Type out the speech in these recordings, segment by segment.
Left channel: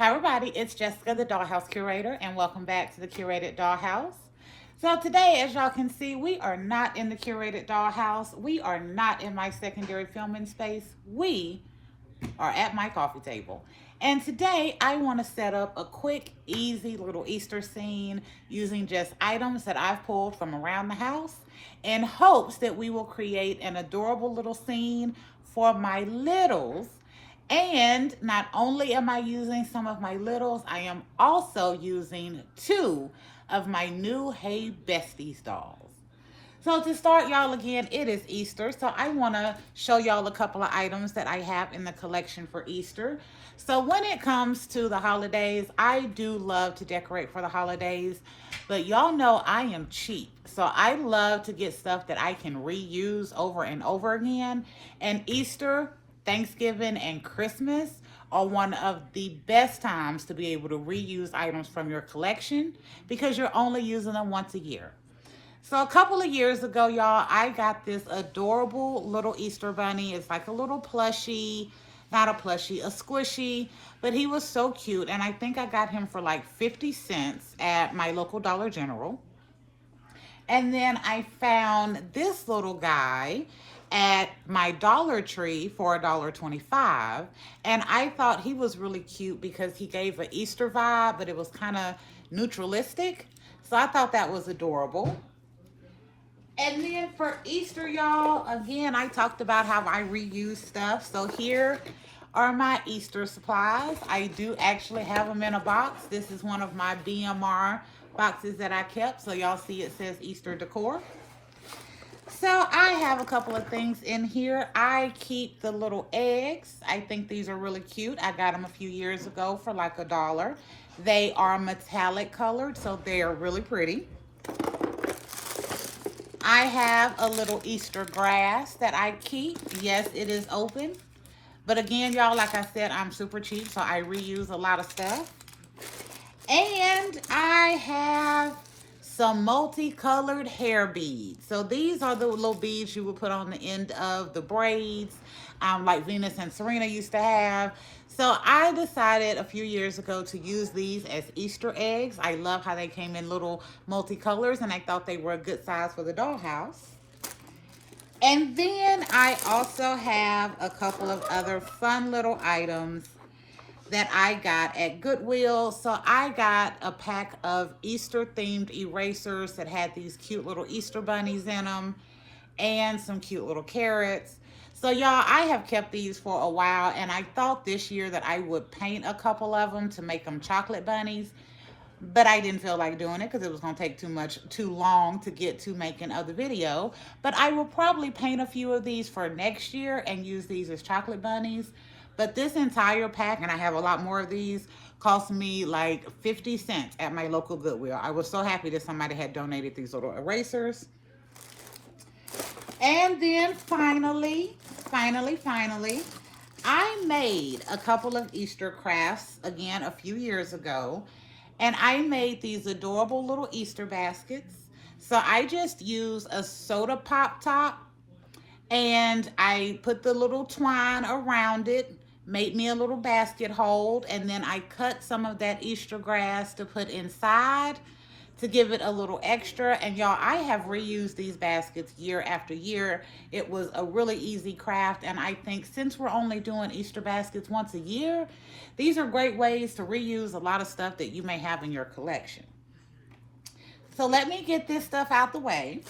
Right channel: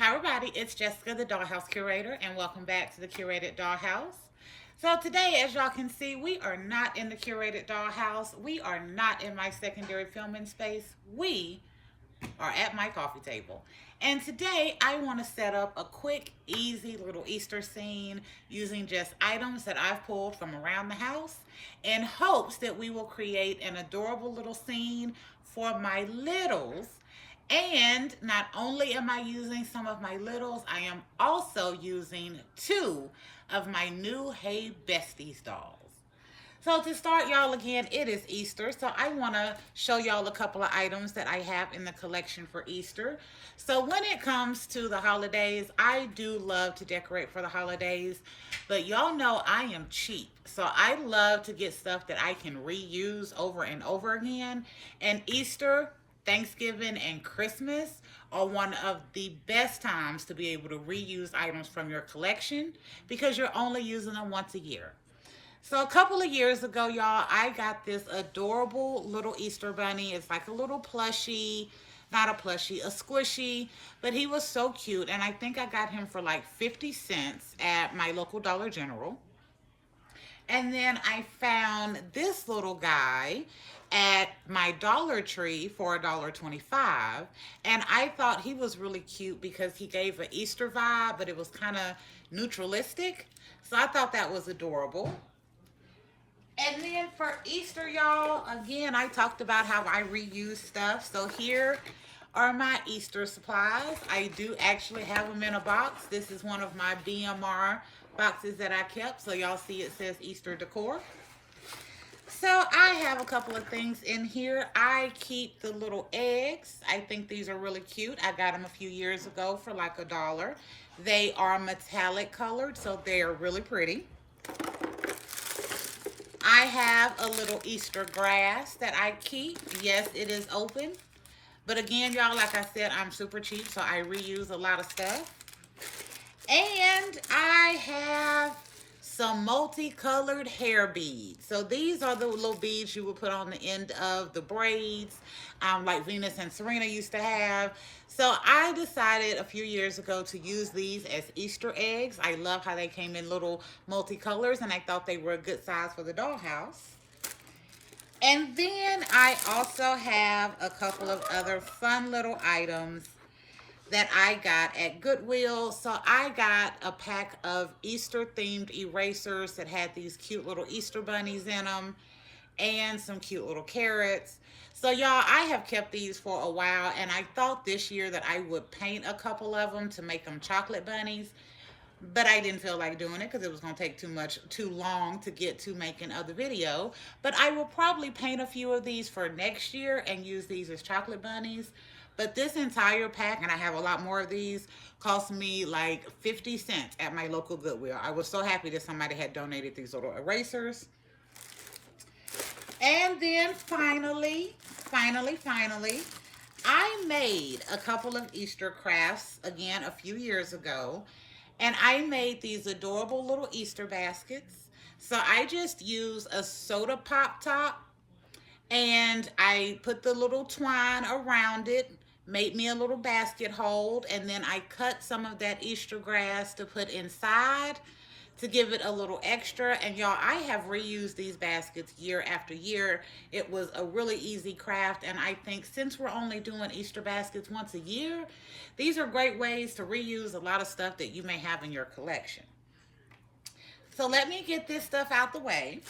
Hi everybody, it's Jessica, the Dollhouse Curator, and welcome back to the Curated Dollhouse. So today, as y'all can see, we are not in the Curated Dollhouse. We are not in my secondary filming space. We are at my coffee table. And today, I want to set up a quick, easy little Easter scene using just items that I've pulled from around the house in hopes that we will create an adorable little scene for my littles. And not only am I using some of my littles, I am also using two of my new Hey Besties dolls. So to start, y'all, again, it is Easter. So I want to show y'all a couple of items that I have in the collection for Easter. So when it comes to the holidays, I do love to decorate for the holidays. But y'all know I am cheap. So I love to get stuff that I can reuse over and over again. And Easter, Thanksgiving, and Christmas are one of the best times to be able to reuse items from your collection because you're only using them once a year. So a couple of years ago, y'all, I got this adorable little Easter bunny. It's like a little plushie, not a plushie, a squishy, but he was so cute. And I think I got him for like 50 cents at my local Dollar General. And then I found this little guy at my Dollar Tree for $1.25. And I thought he was really cute because he gave an Easter vibe, but it was kind of neutralistic. So I thought that was adorable. And then for Easter, y'all, again, I talked about how I reuse stuff. So here are my Easter supplies. I do actually have them in a box. This is one of my BMR boxes that I kept. So y'all see it says Easter decor. So I have a couple of things in here. I keep the little eggs. I think these are really cute. I got them a few years ago for like $1. They are metallic colored, so they are really pretty. I have a little Easter grass that I keep. Yes, it is open. But again, y'all, like I said, I'm super cheap, so I reuse a lot of stuff. And I have some multicolored hair beads. So these are the little beads you would put on the end of the braids, like Venus and Serena used to have. So I decided a few years ago to use these as Easter eggs. I love how they came in little multicolors, and I thought they were a good size for the dollhouse. And then I also have a couple of other fun little items that I got at Goodwill. So I got a pack of Easter themed erasers that had these cute little Easter bunnies in them and some cute little carrots. So y'all, I have kept these for a while, and I thought this year that I would paint a couple of them to make them chocolate bunnies, but I didn't feel like doing it because it was going to take too long to get to making of the video. But I will probably paint a few of these for next year and use these as chocolate bunnies. But this entire pack, and I have a lot more of these, cost me like 50 cents at my local Goodwill. I was so happy that somebody had donated these little erasers. And then finally, I made a couple of Easter crafts, again, a few years ago. And I made these adorable little Easter baskets. So I just use a soda pop top, and I put the little twine around it, made me a little basket hold, and then I cut some of that Easter grass to put inside to give it a little extra. And y'all, I have reused these baskets year after year. It was a really easy craft, and I think since we're only doing Easter baskets once a year, these are great ways to reuse a lot of stuff that you may have in your collection. So let me get this stuff out the way.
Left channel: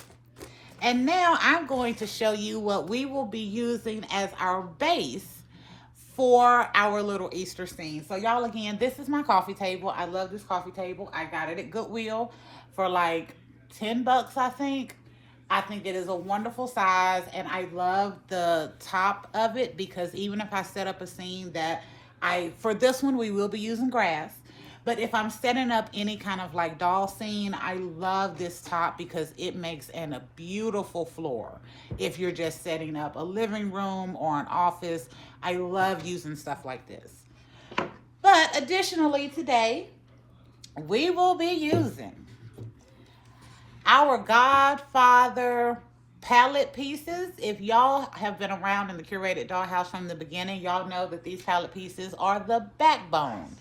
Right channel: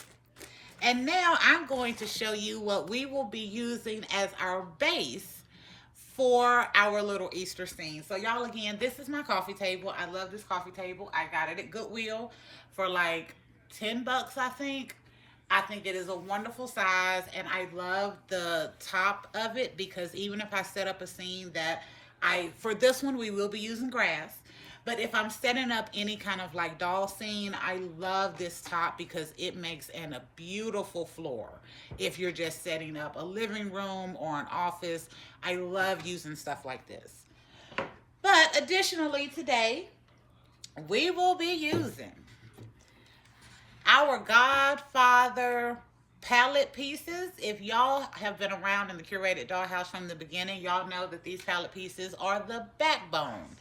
And now I'm going to show you what we will be using as our base for our little Easter scene. So y'all, again, this is my coffee table. I love this coffee table. I got it at Goodwill for like 10 bucks, I think. I think it is a wonderful size, and I love the top of it because even if I set up a scene that for this one, we will be using grass. But if I'm setting up any kind of like doll scene, I love this top because it makes a beautiful floor. If you're just setting up a living room or an office, I love using stuff like this. But additionally today, we will be using our Godfather palette pieces. If y'all have been around in the Curated Dollhouse from the beginning, y'all know that these palette pieces are the backbone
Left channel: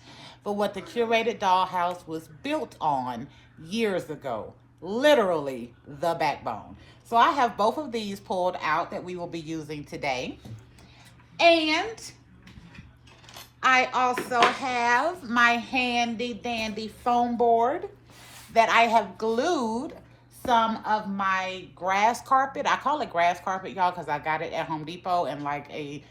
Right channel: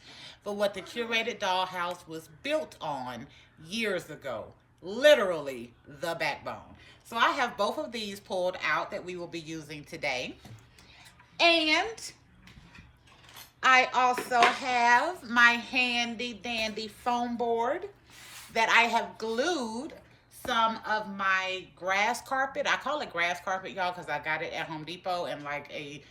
for what the Curated Dollhouse was built on years ago. Literally the backbone. So I have both of these pulled out that we will be using today. And I also have my handy dandy foam board that I have glued some of my grass carpet. I call it grass carpet, y'all, because I got it at Home Depot in like a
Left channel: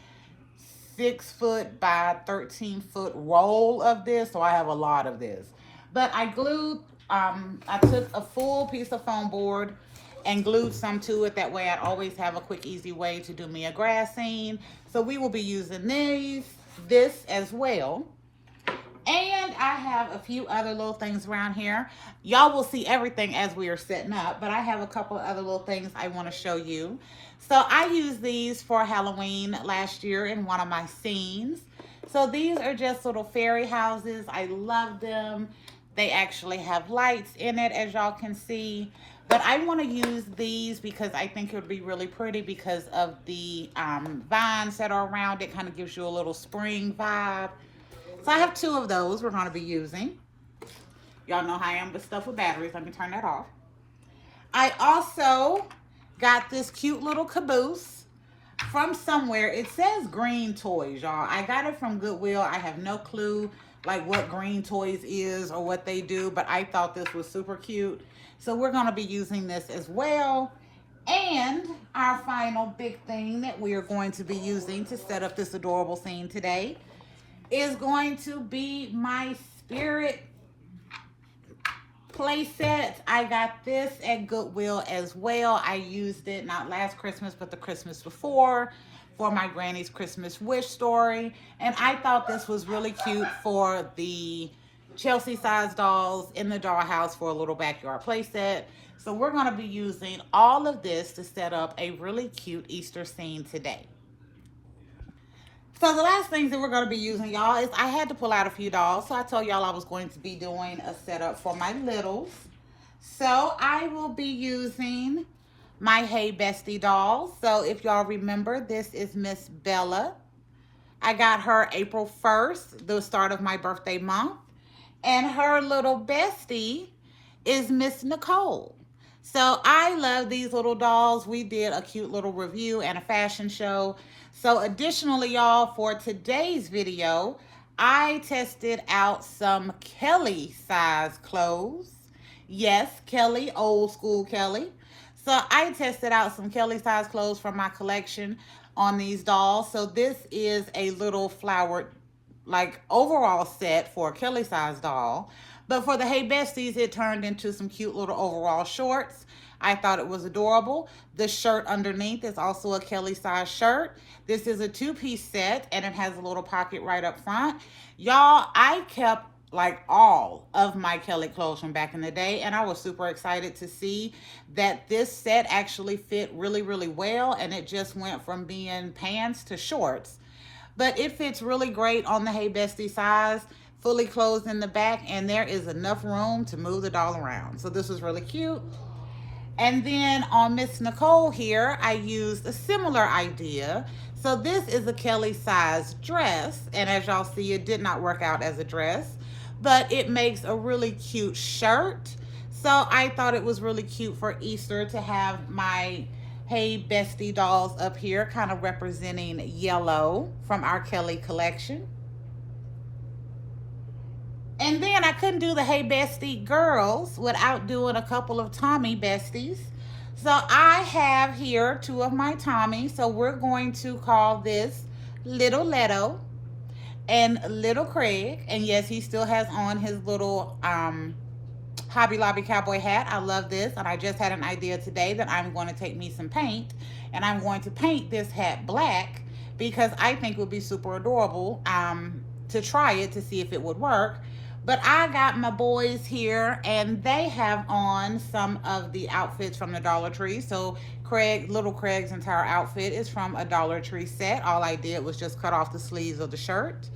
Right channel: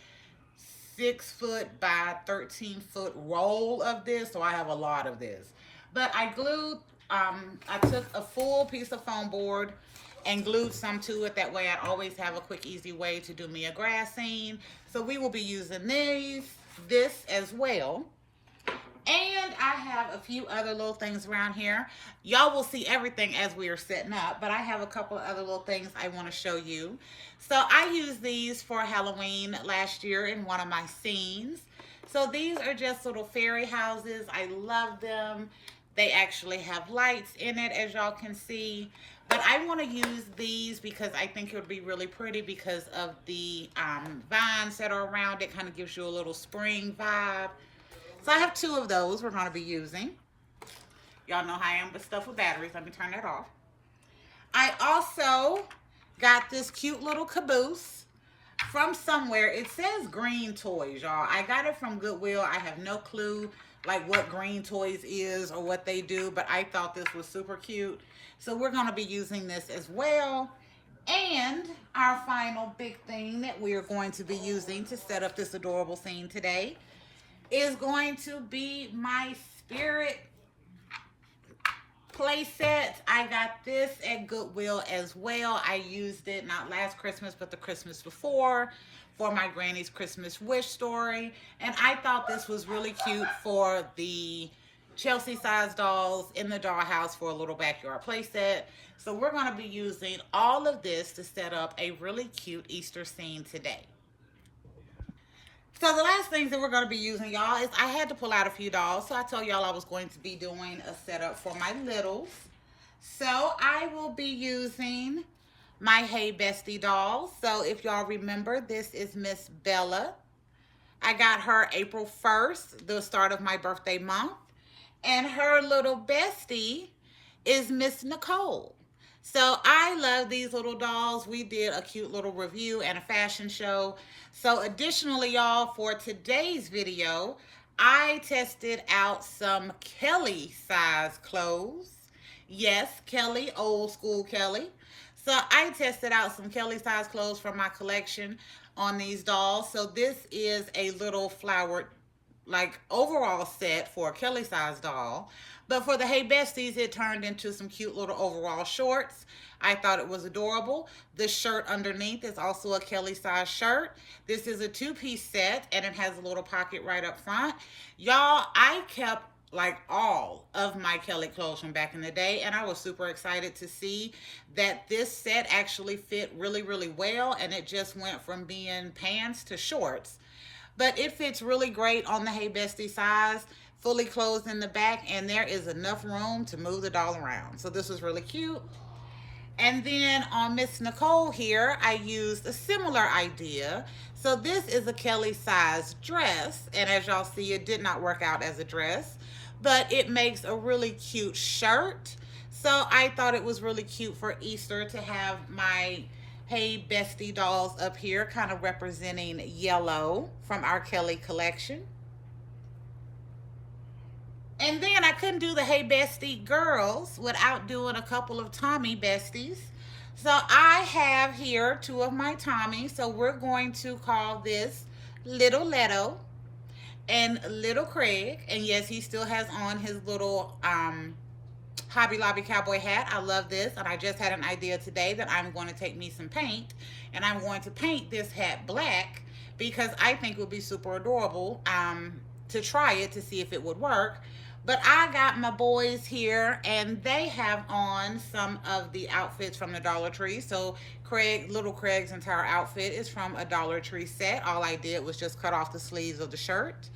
6-foot by 13-foot roll of this. So I have a lot of this. But I glued, I took a full piece of foam board and glued some to it. That way I always have a quick, easy way to do me a grass scene. So we will be using this as well. And I have a few other little things around here. Y'all will see everything as we are setting up, but I have a couple of other little things I want to show you. So I used these for Halloween last year in one of my scenes. So these are just little fairy houses. I love them. They actually have lights in it, as y'all can see. But I want to use these because I think it would be really pretty because of the vines that are around it. Kind of gives you a little spring vibe. So I have 2 of those we're going to be using. Y'all know how I am with stuff with batteries. Let me turn that off. I also got this cute little caboose from somewhere. It says Green Toys, y'all. I got it from Goodwill. I have no clue like what Green Toys is or what they do, but I thought this was super cute. So we're going to be using this as well. And our final big thing that we are going to be using to set up this adorable scene today is going to be my spirit play set. I got this at Goodwill as well. I used it not last Christmas, but the Christmas before for my granny's Christmas wish story. And I thought this was really cute for the Chelsea size dolls in the dollhouse for a little backyard play set. So we're going to be using all of this to set up a really cute Easter scene today. So the last things that we're going to be using, y'all, is I had to pull out a few dolls. So I told y'all I was going to be doing a setup for my littles. So I will be using my Hey Bestie dolls. So if y'all remember, this is Miss Bella. I got her April 1st, the start of my birthday month. And her little bestie is Miss Nicole. So I love these little dolls. We did a cute little review and a fashion show. So additionally, y'all, for today's video, I tested out some Kelly size clothes. Yes, Kelly, old school Kelly. So I tested out some Kelly size clothes from my collection on these dolls. So this is a little flowered, like, overall set for a Kelly size doll. But for the Hey Besties, it turned into some cute little overall shorts. I thought it was adorable. The shirt underneath is also a Kelly size shirt. This is a 2-piece set and it has a little pocket right up front. Y'all, I kept like all of my Kelly clothes from back in the day, and I was super excited to see that this set actually fit really, really well, and it just went from being pants to shorts. But it fits really great on the Hey Bestie size, fully closed in the back, and there is enough room to move the doll around. So this was really cute. And then on Miss Nicole here, I used a similar idea. So this is a Kelly size dress, and as y'all see, it did not work out as a dress, but it makes a really cute shirt. So I thought it was really cute for Easter to have my Hey Bestie dolls up here, kind of representing yellow from our Kelly collection. And then I couldn't do the Hey Bestie girls without doing a couple of Tommy Besties. So I have here 2 of my Tommies. So we're going to call this Little Leto and Little Craig. And yes, he still has on his little Hobby Lobby cowboy hat. I love this. And I just had an idea today that I'm going to take me some paint. And I'm going to paint this hat black because I think it would be super adorable to try it to see if it would work. But I got my boys here, and they have on some of the outfits from the Dollar Tree. So Little Craig's entire outfit is from a Dollar Tree set. All I did was just cut off the sleeves of the shirt.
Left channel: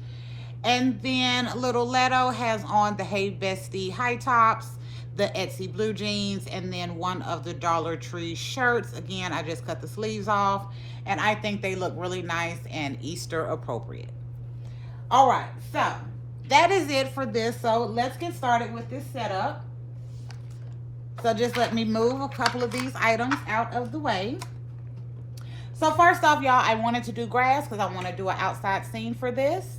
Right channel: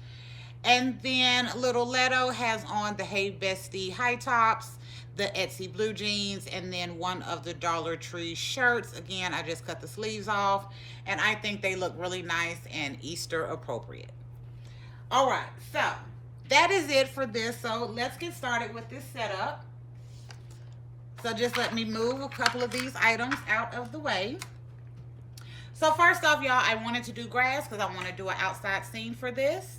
And then Little Leto has on the Hey Bestie high tops, the Etsy blue jeans, and then one of the Dollar Tree shirts. Again, I just cut the sleeves off, and I think they look really nice and Easter appropriate. All right, so that is it for this. So let's get started with this setup. So just let me move a couple of these items out of the way. So first off, y'all, I wanted to do grass because I want to do an outside scene for this.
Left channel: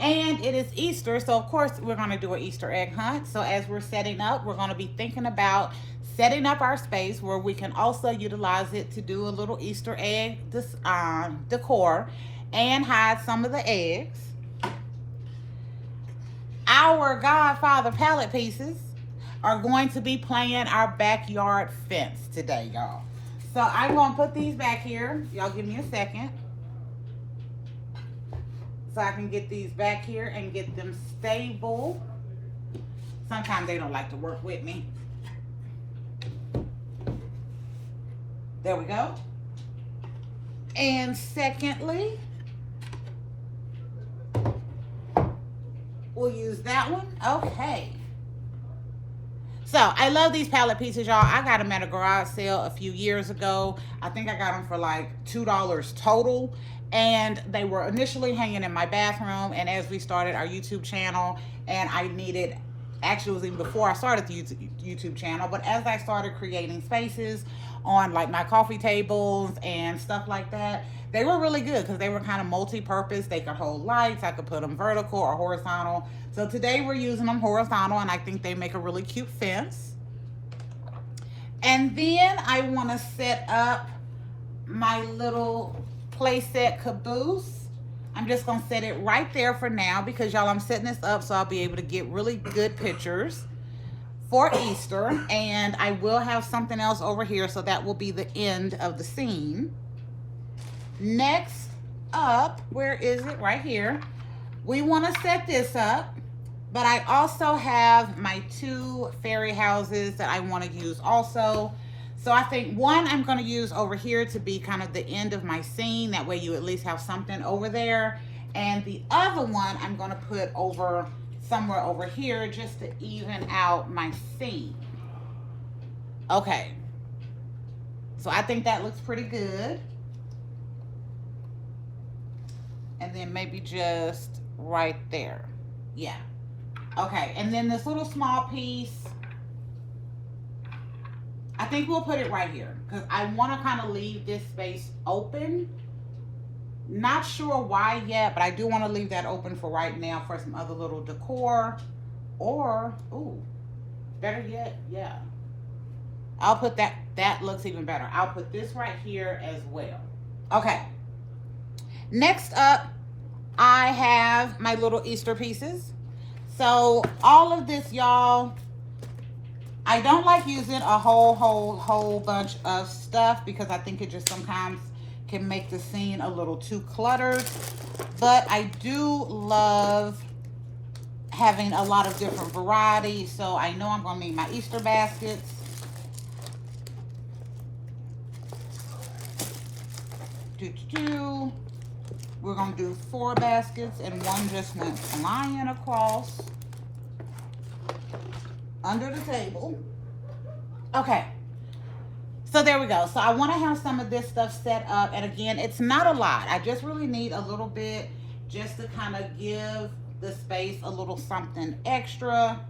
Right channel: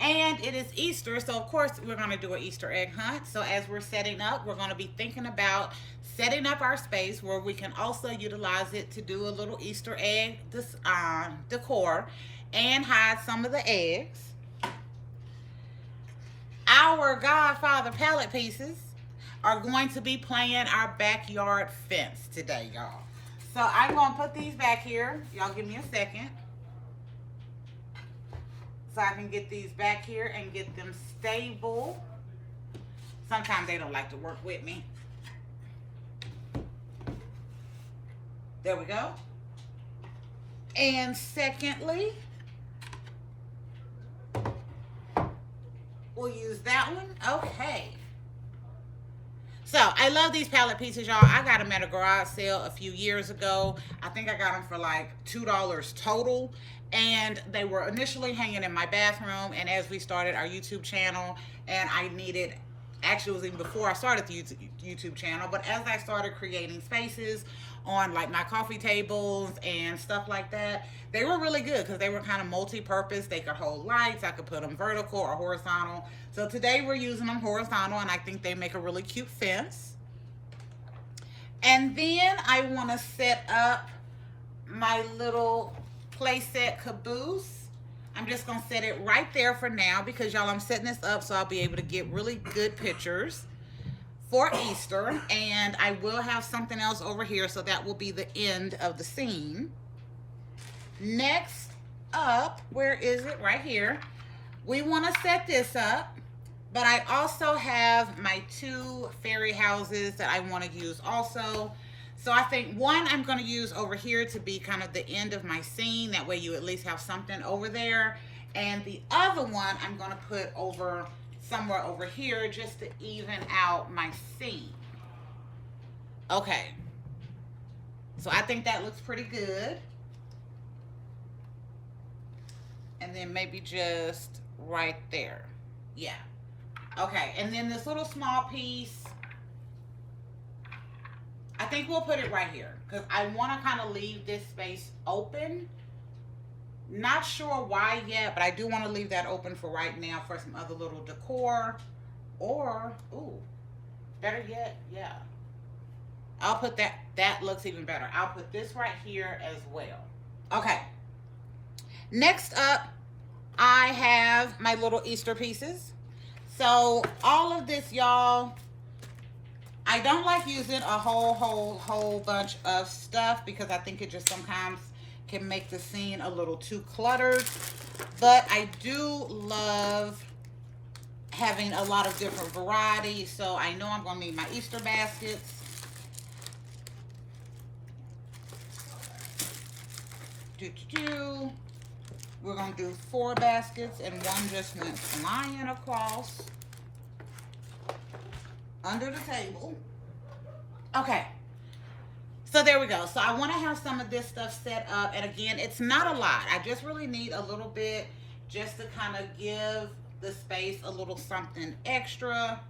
And it is Easter, so of course we're going to do an Easter egg hunt. So as we're setting up, we're going to be thinking about setting up our space where we can also utilize it to do a little Easter egg decor and hide some of the eggs. Our Godfather palette pieces are going to be playing our backyard fence today, y'all. So I'm going to put these back here. Y'all give me a second. So I can get these back here and get them stable. Sometimes they don't like to work with me. There we go. And secondly, we'll use that one. Okay. So I love these palette pieces, y'all. I got them at a garage sale a few years ago. I think I got them for like $2 total. And they were initially hanging in my bathroom. And as we started our YouTube channel, and I needed, actually it was even before I started the YouTube channel, but as I started creating spaces on like my coffee tables and stuff like that, they were really good because they were kind of multi-purpose. They could hold lights. I could put them vertical or horizontal. So today we're using them horizontal, and I think they make a really cute fence. And then I want to set up my little playset caboose. I'm just going to set it right there for now because, y'all, I'm setting this up so I'll be able to get really good pictures for Easter. And I will have something else over here, so that will be the end of the scene. Next up, where is it? Right here. We want to set this up, but I also have my 2 fairy houses that I want to use also. So I think one I'm going to use over here to be kind of the end of my scene. That way you at least have something over there. And the other one I'm going to put over somewhere over here just to even out my scene. Okay. So I think that looks pretty good. And then maybe just right there. Yeah. Okay. And then this little small piece, I think we'll put it right here because I want to kind of leave this space open. Not sure why yet, but I do want to leave that open for right now for some other little decor. Or, ooh, better yet, yeah. I'll put that, that looks even better. I'll put this right here as well. Okay. Next up, I have my little Easter pieces. So all of this, y'all, I don't like using a whole bunch of stuff because I think it just sometimes can make the scene a little too cluttered. But I do love having a lot of different variety. So I know I'm going to make my Easter baskets. We're going to do 4 baskets, and one just went flying across under the table. Okay, so there we go. So I want to have some of this stuff set up, and again, it's not a lot. I just really need a little bit just to kind of give the space a little something extra.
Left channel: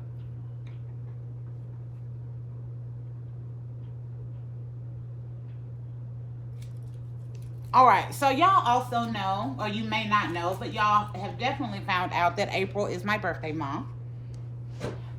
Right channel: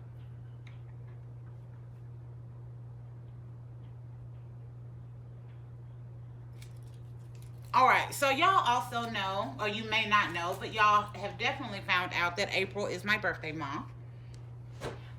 All right, so y'all also know, or you may not know, but y'all have definitely found out that April is my birthday month.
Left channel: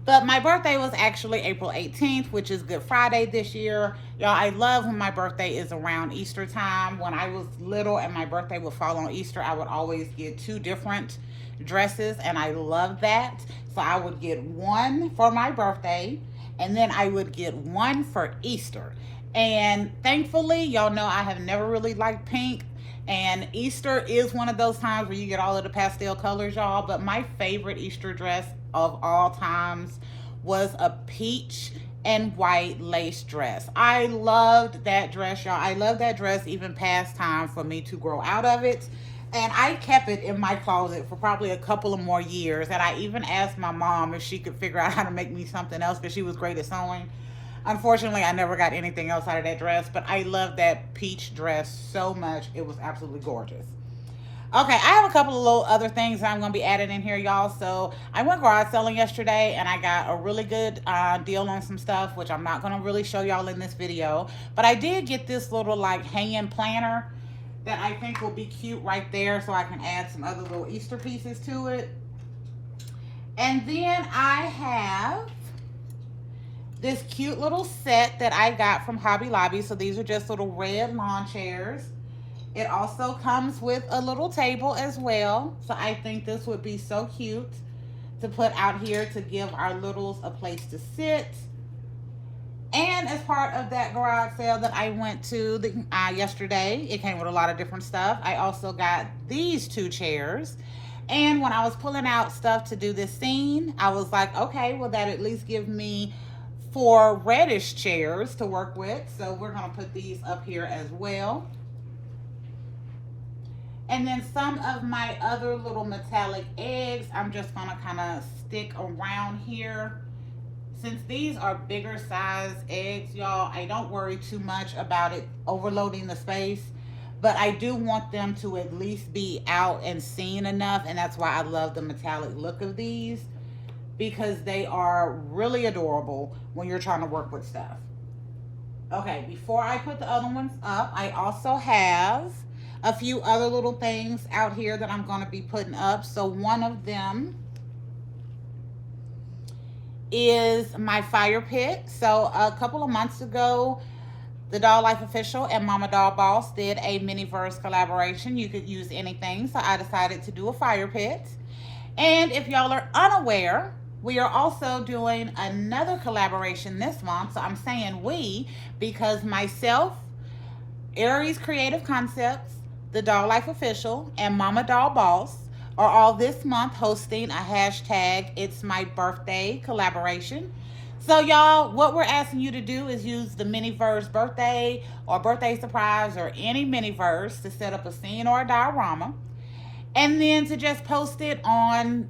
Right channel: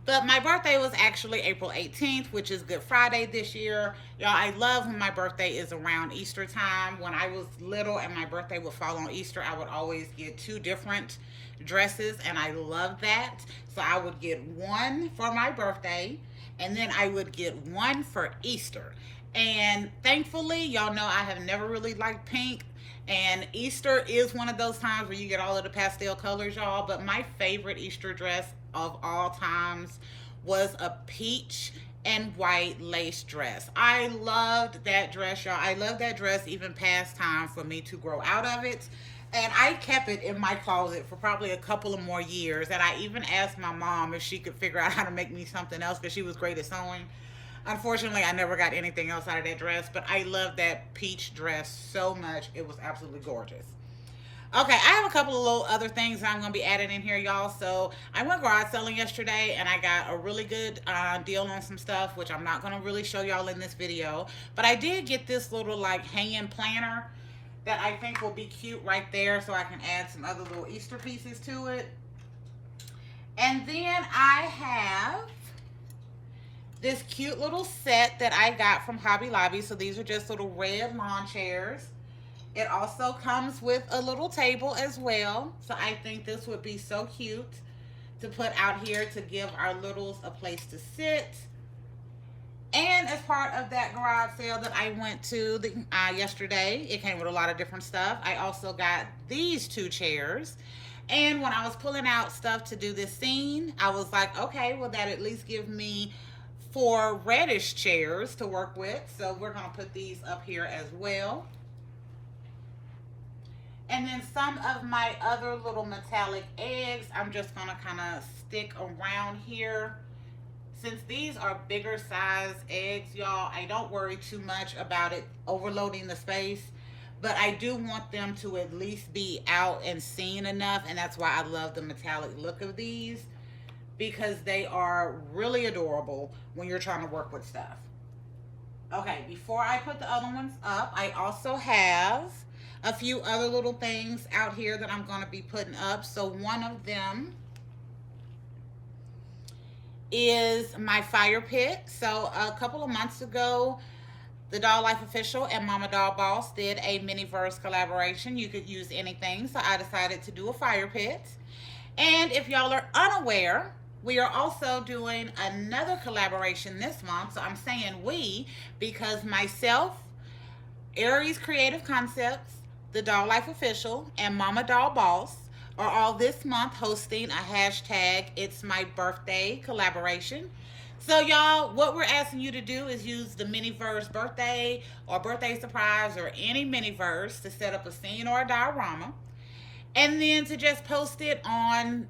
But my birthday was actually April 18th, which is Good Friday this year. Y'all, I love when my birthday is around Easter time. When I was little and my birthday would fall on Easter, I would always get 2 different dresses, and I love that. So I would get one for my birthday, and then I would get one for Easter. And thankfully, y'all know I have never really liked pink. And Easter is one of those times where you get all of the pastel colors, y'all. But my favorite Easter dress of all times was a peach and white lace dress. I loved that dress, y'all. I love that dress even past time for me to grow out of it. And I kept it in my closet for probably a couple of more years. And I even asked my mom if she could figure out how to make me something else because she was great at sewing. Unfortunately, I never got anything else out of that dress, but I love that peach dress so much. It was absolutely gorgeous. Okay, I have a couple of little other things that I'm going to be adding in here, y'all. So I went garage selling yesterday and I got a really good deal on some stuff, which I'm not going to really show y'all in this video. But I did get this little like hanging planner that I think will be cute right there, so I can add some other little Easter pieces to it. And then I have this cute little set that I got from Hobby Lobby. So these are just little red lawn chairs. It also comes with a little table as well. So I think this would be so cute to put out here to give our littles a place to sit. And as part of that garage sale that I went to yesterday, it came with a lot of different stuff. I also got these two chairs. And when I was pulling out stuff to do this scene, I was like, okay, well, that at least give me 4 reddish chairs to work with. So we're going to put these up here as well. And then some of my other little metallic eggs, I'm just going to kind of stick around here. Since these are bigger size eggs, y'all, I don't worry too much about it overloading the space. But I do want them to at least be out and seen enough. And that's why I love the metallic look of these, because they are really adorable when you're trying to work with stuff. Okay, before I put the other ones up, I also have a few other little things out here that I'm going to be putting up. So one of them is my fire pit. So a couple of months ago, the Doll Life Official and Mama Doll Boss did a Miniverse collaboration. You could use anything, so I decided to do a fire pit. And if y'all are unaware, we are also doing another collaboration this month. So I'm saying we, because myself, Aries Creative Concepts, the Doll Life Official, and Mama Doll Boss are all this month hosting a hashtag It's My Birthday collaboration. So y'all, what we're asking you to do is use the Miniverse birthday or birthday surprise or any Miniverse to set up a scene or a diorama. And then to just post it on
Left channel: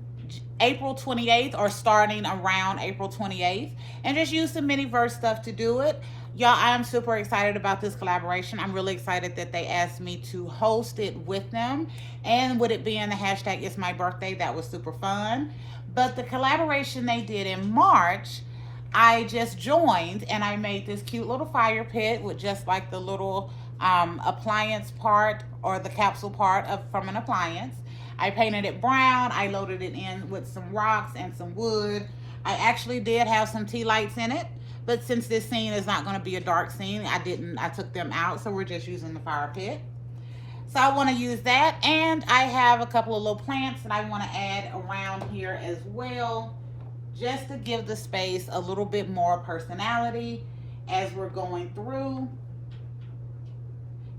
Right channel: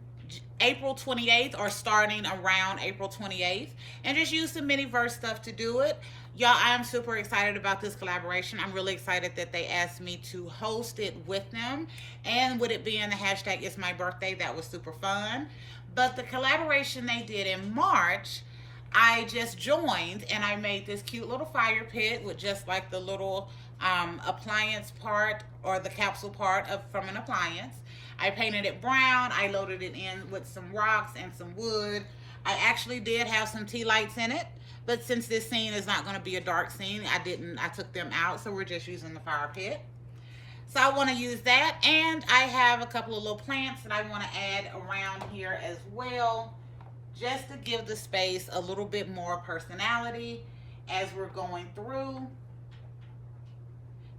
April 28th or starting around April 28th. And just use the Miniverse stuff to do it. Y'all, I am super excited about this collaboration. I'm really excited that they asked me to host it with them. And with it being the hashtag It's My Birthday, that was super fun. But the collaboration they did in March, I just joined and I made this cute little fire pit with just like the little appliance part or the capsule part from an appliance. I painted it brown. I loaded it in with some rocks and some wood. I actually did have some tea lights in it. But since this scene is not going to be a dark scene, I took them out. So we're just using the fire pit. So I want to use that. And I have a couple of little plants that I want to add around here as well, just to give the space a little bit more personality as we're going through.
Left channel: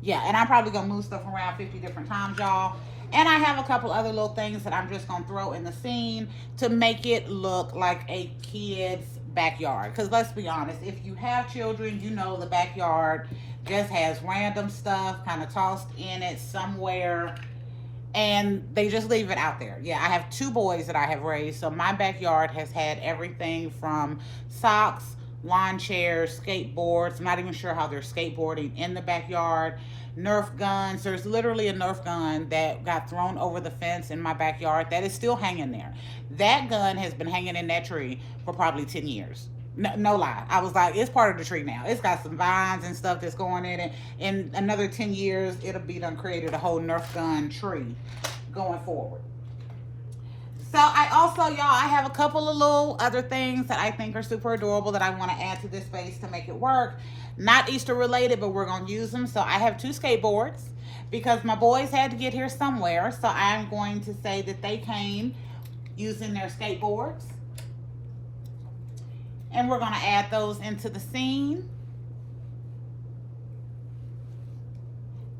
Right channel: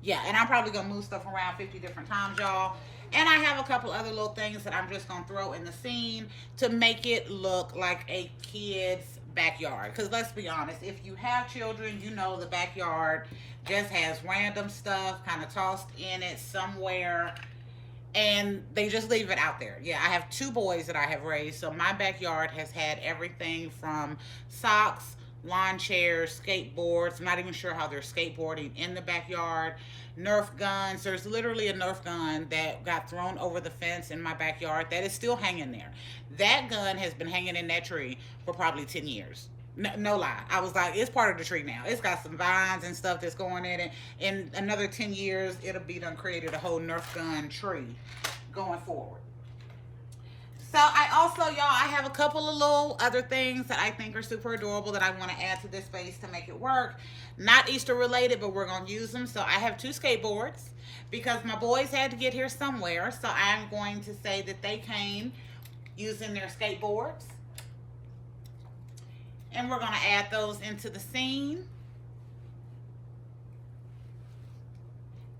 Yeah, and I'm probably going to move stuff around 50 different times, y'all. And I have a couple other little things that I'm just going to throw in the scene to make it look like a kid's backyard. Because let's be honest, if you have children, you know the backyard just has random stuff kind of tossed in it somewhere. And they just leave it out there. Yeah, I have 2 boys that I have raised. So my backyard has had everything from socks, lawn chairs, skateboards. I'm not even sure how they're skateboarding in the backyard. Nerf guns. There's literally a Nerf gun that got thrown over the fence in my backyard that is still hanging there. That gun has been hanging in that tree for probably 10 years. No lie. I was like, it's part of the tree now. It's got some vines and stuff that's going in it. In another 10 years, it'll be done created a whole Nerf gun tree going forward. So I also, y'all, I have a couple of little other things that I think are super adorable that I want to add to this space to make it work. Not Easter related, but we're going to use them. So I have 2 skateboards because my boys had to get here somewhere. So I'm going to say that they came using their skateboards. And we're going to add those into the scene.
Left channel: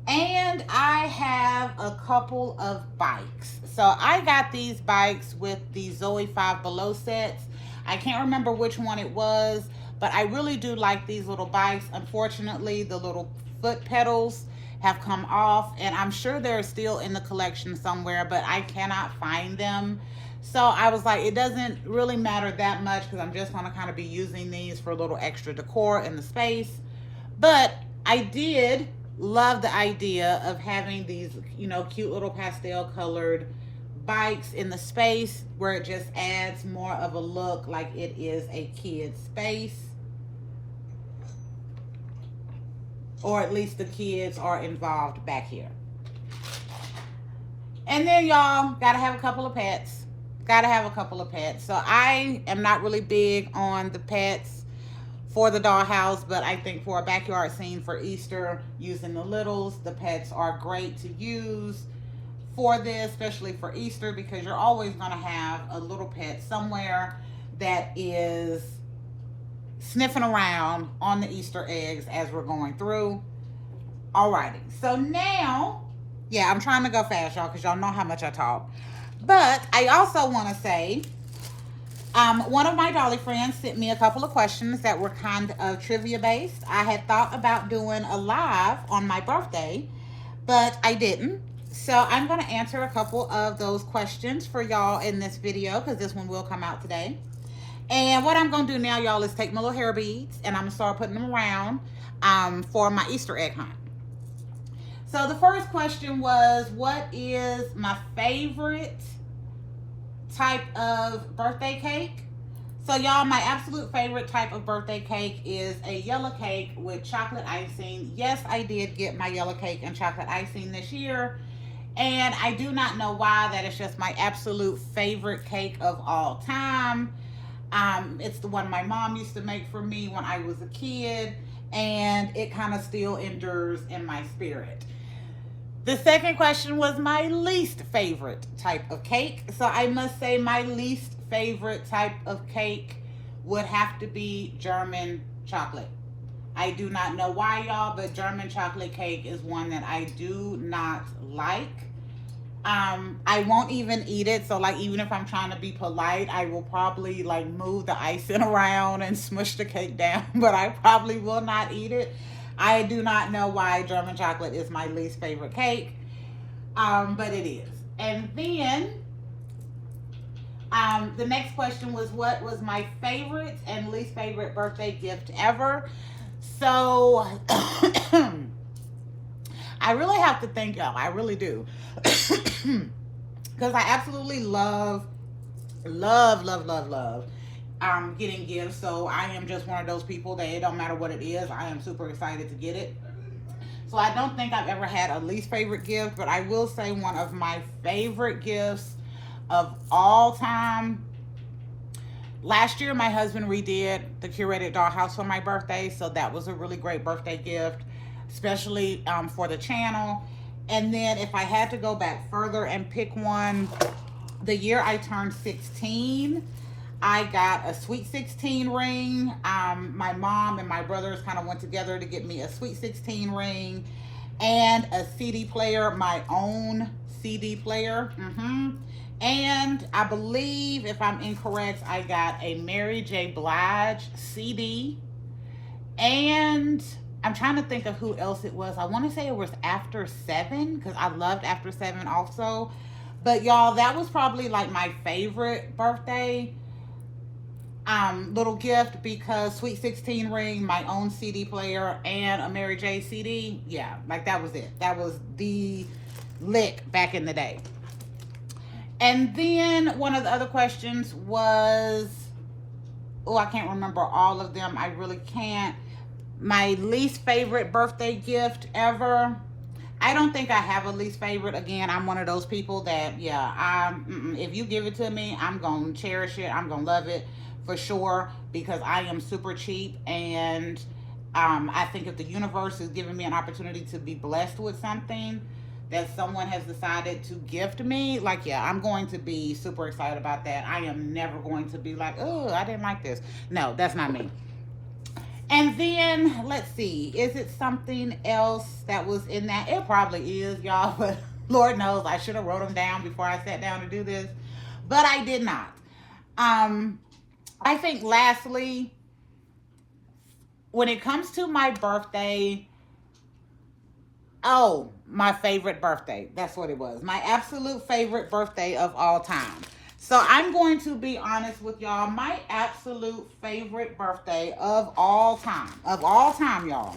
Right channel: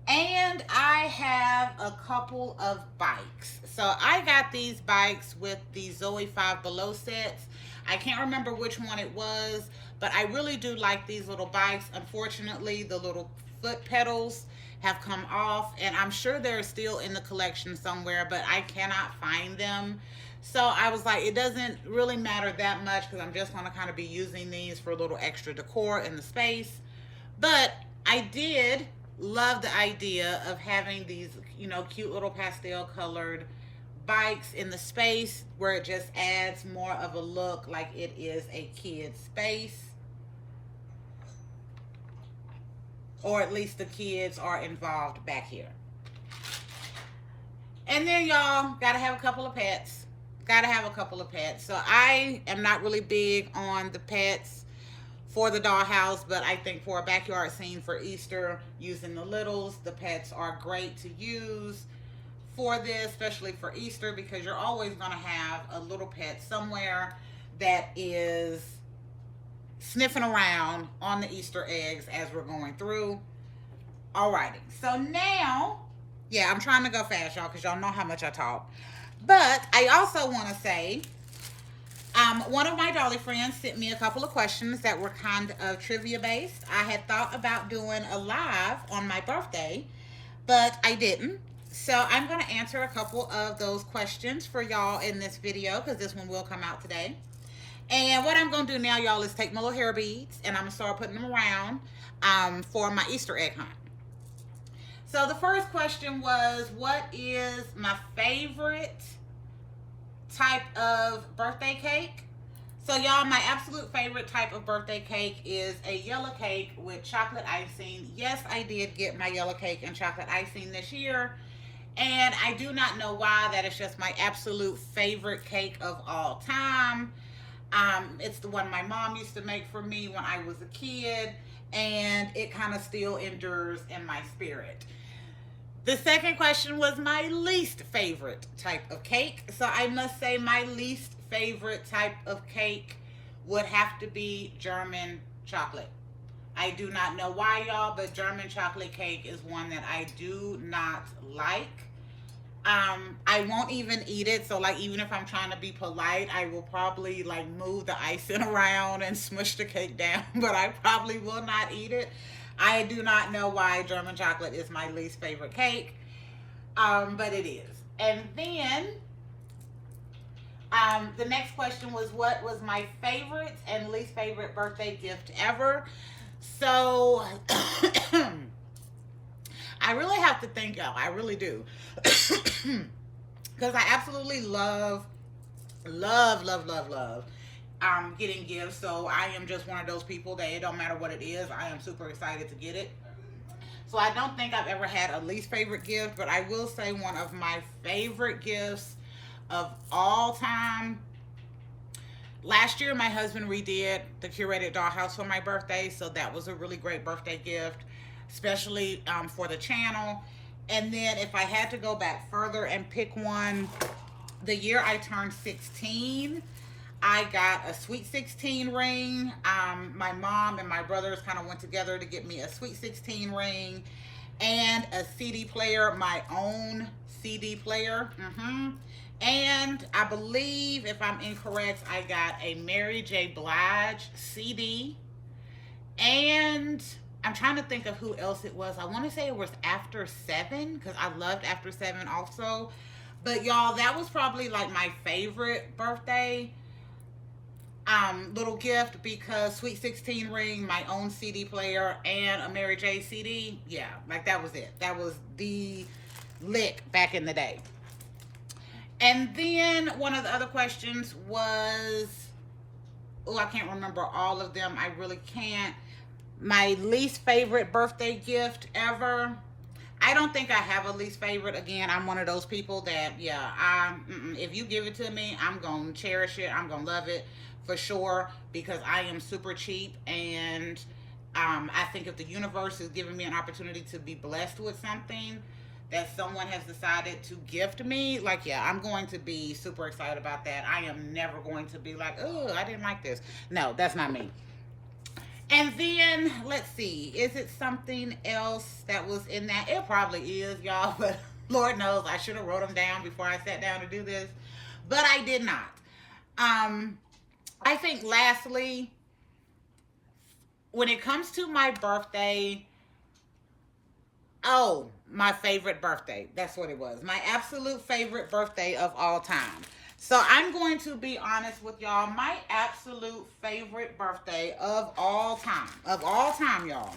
And I have a couple of bikes. So I got these bikes with the Zoe 5 Below sets. I can't remember which one it was, but I really do like these little bikes. Unfortunately, the little foot pedals have come off, and I'm sure they're still in the collection somewhere, but I cannot find them. So I was like, it doesn't really matter that much because I'm just going to kind of be using these for a little extra decor in the space. But I did love the idea of having these, you know, cute little pastel colored bikes in the space where it just adds more of a look like it is a kid's space. Or at least the kids are involved back here. And then y'all gotta have a couple of pets. Gotta have a couple of pets. So I am not really big on the pets for the dollhouse, but I think for a backyard scene for Easter, using the littles, the pets are great to use for this, especially for Easter, because you're always gonna have a little pet somewhere that is sniffing around on the Easter eggs as we're going through. Alrighty, so now, yeah, I'm trying to go fast, y'all, because y'all know how much I talk. But I also want to say, one of my Dolly friends sent me a couple of questions that were kind of trivia based. I had thought about doing a live on my birthday, but I didn't. So I'm going to answer a couple of those questions for y'all in this video, because this one will come out today. And what I'm going to do now, y'all, is take my little hair beads and I'm going to start putting them around for my Easter egg hunt. So the first question was, what is my favorite type of birthday cake? So y'all, my absolute favorite type of birthday cake is a yellow cake with chocolate icing. Yes, I did get my yellow cake and chocolate icing this year. And I do not know why. That is just my absolute favorite cake of all time. It's the one my mom used to make for me when I was a kid, and it kind of still endures in my spirit. The second question was my least favorite type of cake. So I must say my least favorite type of cake would have to be German chocolate. I do not know why, y'all, but German chocolate cake is one that I do not like. I won't even eat it. So like, even if I'm trying to be polite, I will probably like move the icing around and smush the cake down, but I probably will not eat it. I do not know why German chocolate is my least favorite cake, but it is. And then the next question was, what was my favorite and least favorite birthday gift ever? So I really have to think, y'all. I really do. Because I absolutely love getting gifts. So I am just one of those people that it don't matter what it is, I am super excited to get it. So I don't think I've ever had a least favorite gift, but I will say one of my favorite gifts of all time. Last year, my husband redid the curated dollhouse for my birthday, so that was a really great birthday gift, especially for the channel. And then if I had to go back further and pick one, the year I turned 16, I got a Sweet 16 ring. My mom and my brothers kind of went together to get me a Sweet 16 ring and a CD player, my own CD player. And I believe, if I'm incorrect, I got a Mary J. Blige CD. And I'm trying to think of who else it was. I want to say it was After 7, because I loved After 7 also. But y'all, that was probably like my favorite birthday little gift, because Sweet 16 ring, my own CD player, and a Mary J. CD. Yeah, like that was it. That was the lick back in the day. And then one of the other questions was, oh, I can't remember all of them. I really can't. My least favorite birthday gift ever. I don't think I have a least favorite. Again, I'm one of those people that, yeah, if you give it to me, I'm going to cherish it. I'm going to love it for sure, because I am super cheap. And I think if the universe is giving me an opportunity to be blessed with something that someone has decided to gift me, like, yeah, I'm going to be super excited about that. I am never going to be like, oh, I didn't like this. No, that's not me. And then, let's see, is it something else that was in that? It probably is, y'all, but Lord knows I should have wrote them down before I sat down to do this, but I did not. I think lastly, when it comes to my birthday, oh, my favorite birthday. That's what it was. My absolute favorite birthday of all time. So I'm going to be honest with y'all. My absolute favorite birthday of all time, y'all,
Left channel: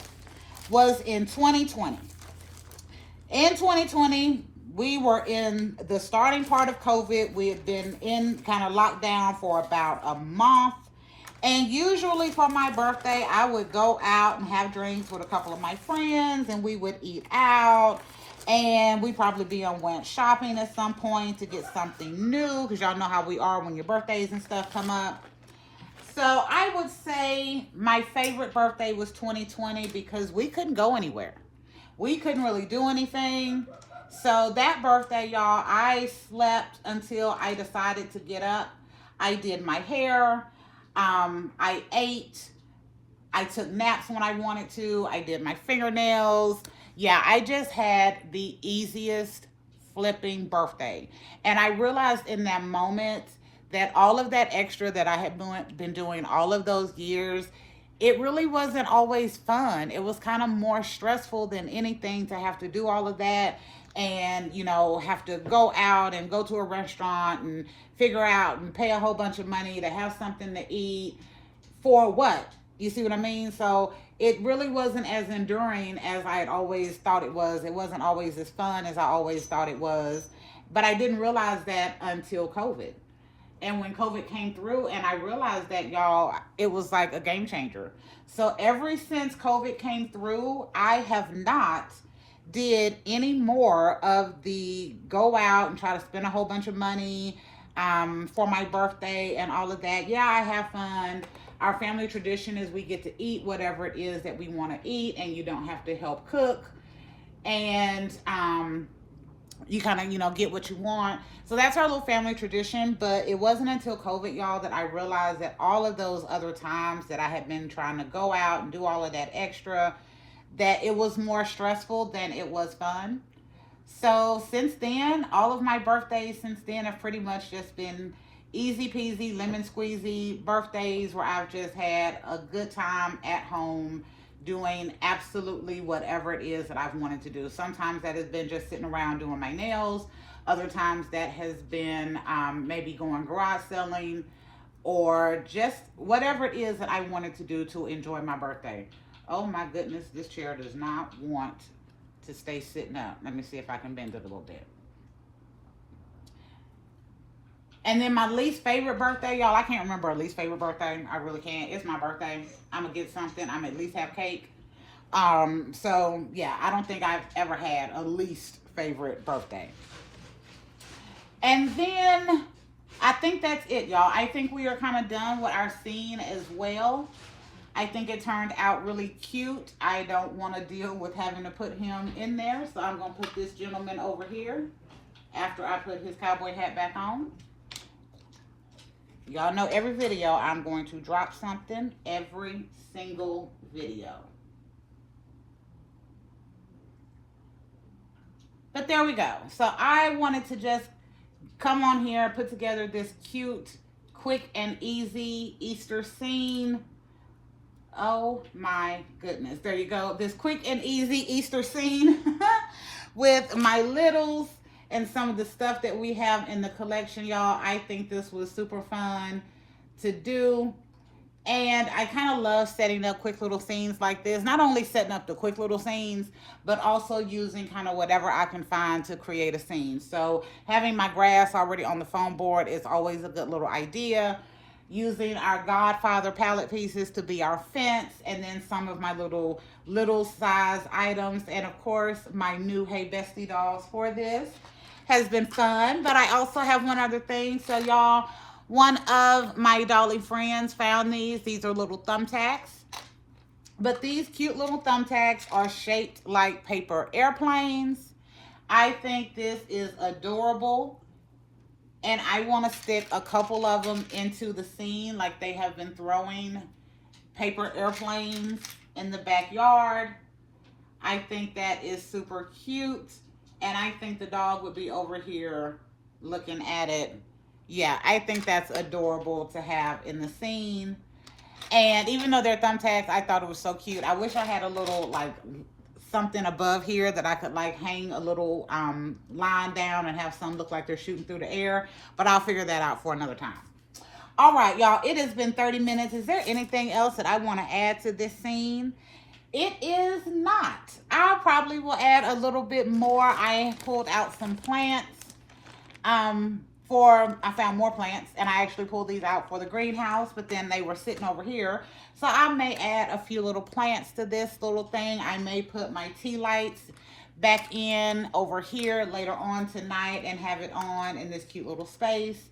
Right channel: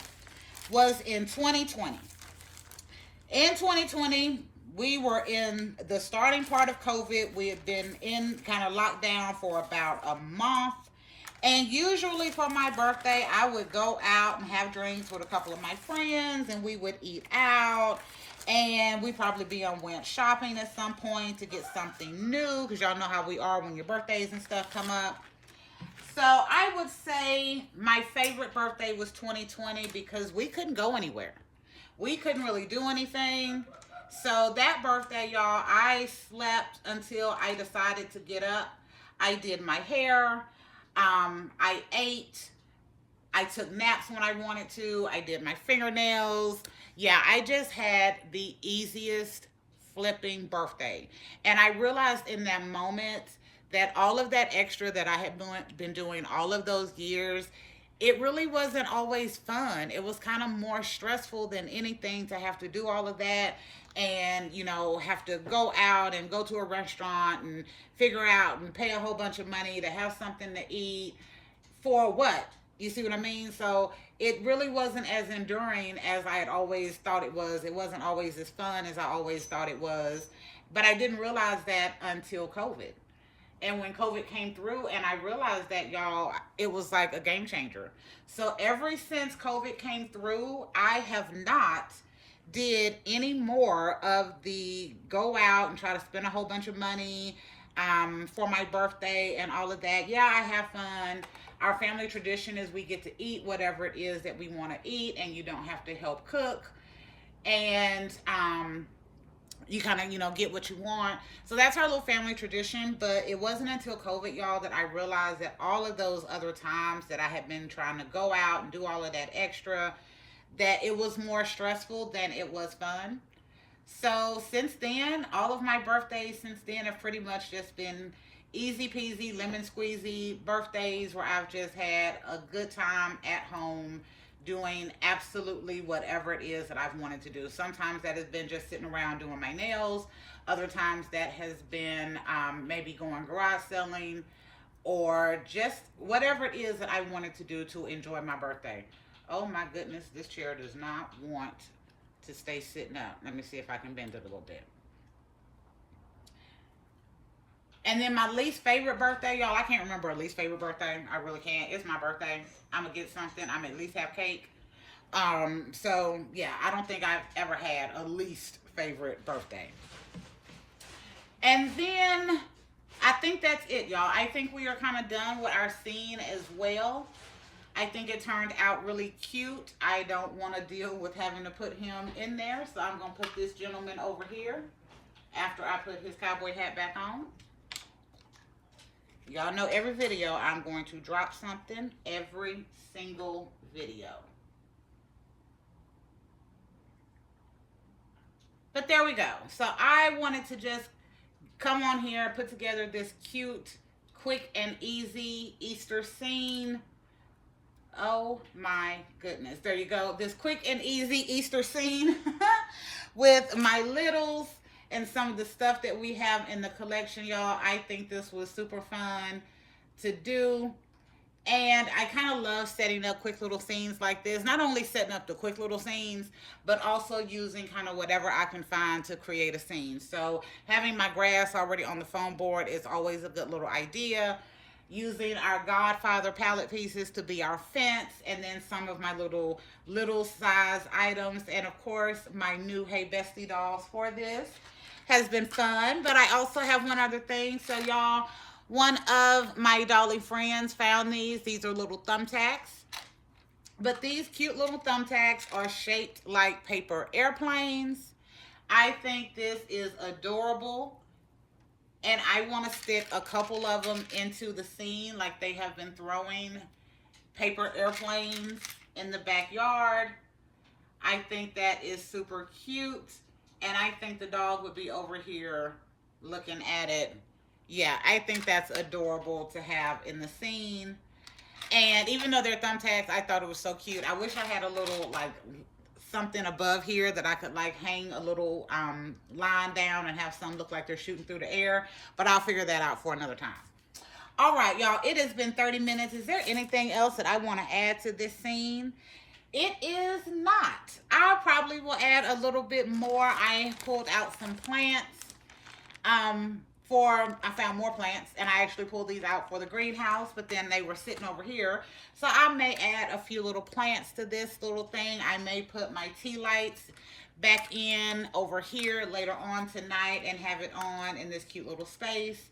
was in 2020. In 2020, we were in the starting part of COVID. We had been in kind of lockdown for about a month. And usually for my birthday, I would go out and have drinks with a couple of my friends, and we would eat out. And we probably went shopping at some point to get something new, because y'all know how we are when your birthdays and stuff come up. So I would say my favorite birthday was 2020 because we couldn't go anywhere. We couldn't really do anything. So that birthday, y'all, I slept until I decided to get up. I did my hair. I ate. I took naps when I wanted to. I did my fingernails. Yeah, I just had the easiest flipping birthday. And I realized in that moment that all of that extra that I had been doing all of those years, it really wasn't always fun. It was kind of more stressful than anything to have to do all of that and, you know, have to go out and go to a restaurant and figure out and pay a whole bunch of money to have something to eat for what? You see what I mean? So it really wasn't as enduring as I had always thought it was. It wasn't always as fun as I always thought it was. But I didn't realize that until COVID. And when COVID came through and I realized that, y'all, it was like a game changer. So ever since COVID came through, I have not did any more of the go out and try to spend a whole bunch of money for my birthday and all of that. Yeah, I have fun. Our family tradition is we get to eat whatever it is that we want to eat, and you don't have to help cook. And you kind of, you know, get what you want. So that's our little family tradition. But it wasn't until COVID, y'all, that I realized that all of those other times that I had been trying to go out and do all of that extra, that it was more stressful than it was fun. So since then, all of my birthdays since then have pretty much just been easy peasy, lemon squeezy birthdays where I've just had a good time at home doing absolutely whatever it is that I've wanted to do. Sometimes that has been just sitting around doing my nails. Other times that has been maybe going garage selling, or just whatever it is that I wanted to do to enjoy my birthday. Oh my goodness, this chair does not want to stay sitting up. Let me see if I can bend it a little bit. And then my least favorite birthday, y'all, I can't remember a least favorite birthday. I really can't. It's my birthday. I'm going to get something. I'm at least have cake. So, yeah, I don't think I've ever had a least favorite birthday. And then I think that's it, y'all. I think we are kind of done with our scene as well. I think it turned out really cute. I don't want to deal with having to put him in there. So I'm going to put this gentleman over here after I put his cowboy hat back on. Y'all know every video I'm going to drop something, every single video. But there we go. So I wanted to just come on here, put together this cute, quick and easy Easter scene. Oh my goodness. There you go. This quick and easy Easter scene with my littles and some of the stuff that we have in the collection, y'all. I think this was super fun to do. And I kind of love setting up quick little scenes like this. Not only setting up the quick little scenes, but also using kind of whatever I can find to create a scene. So having my grass already on the foam board is always a good little idea. Using our Godfather palette pieces to be our fence, and then some of my little size items, and of course my new Hey Bestie dolls for this has been fun. But I also have one other thing. So y'all, one of my dolly friends found these. These are little thumbtacks. But these cute little thumbtacks are shaped like paper airplanes. I think this is adorable. And I want to stick a couple of them into the scene, like they have been throwing paper airplanes in the backyard. I think that is super cute. And I think the dog would be over here looking at it. Yeah, I think that's adorable to have in the scene. And even though they're thumbtacks, I thought it was so cute. I wish I had a little, like, something above here that I could, like, hang a little line down and have some look like they're shooting through the air. But I'll figure that out for another time. All right, y'all, it has been 30 minutes. Is there anything else that I want to add to this scene? It is not. I probably will add a little bit more. I pulled out some plants. I found more plants, and I actually pulled these out for the greenhouse, but then they were sitting over here. So I may add a few little plants to this little thing. I may put my tea lights back in over here later on tonight and have it on in this cute little space.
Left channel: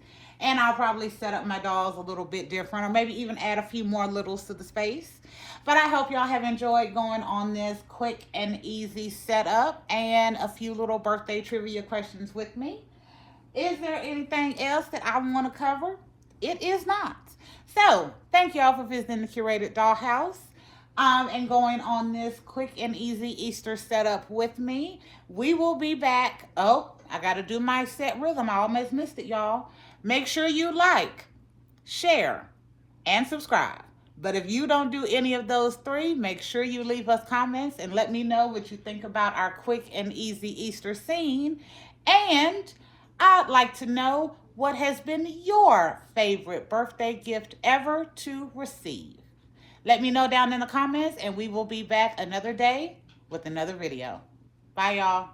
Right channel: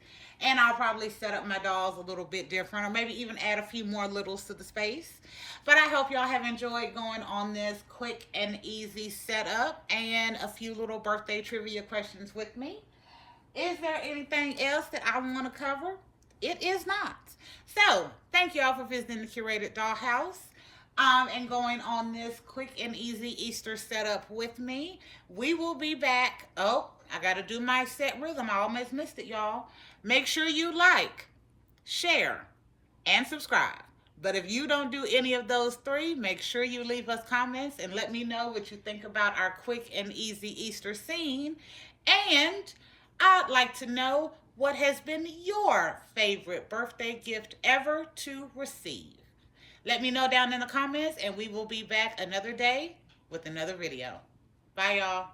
And I'll probably set up my dolls a little bit different, or maybe even add a few more littles to the space. But I hope y'all have enjoyed going on this quick and easy setup and a few little birthday trivia questions with me. Is there anything else that I want to cover? It is not. So, thank y'all for visiting the Curated Dollhouse and going on this quick and easy Easter setup with me. We will be back. Oh, I got to do my set rhythm. I almost missed it, y'all. Make sure you like, share, and subscribe. But if you don't do any of those three, make sure you leave us comments and let me know what you think about our quick and easy Easter scene. And I'd like to know what has been your favorite birthday gift ever to receive. Let me know down in the comments, and we will be back another day with another video. Bye, y'all.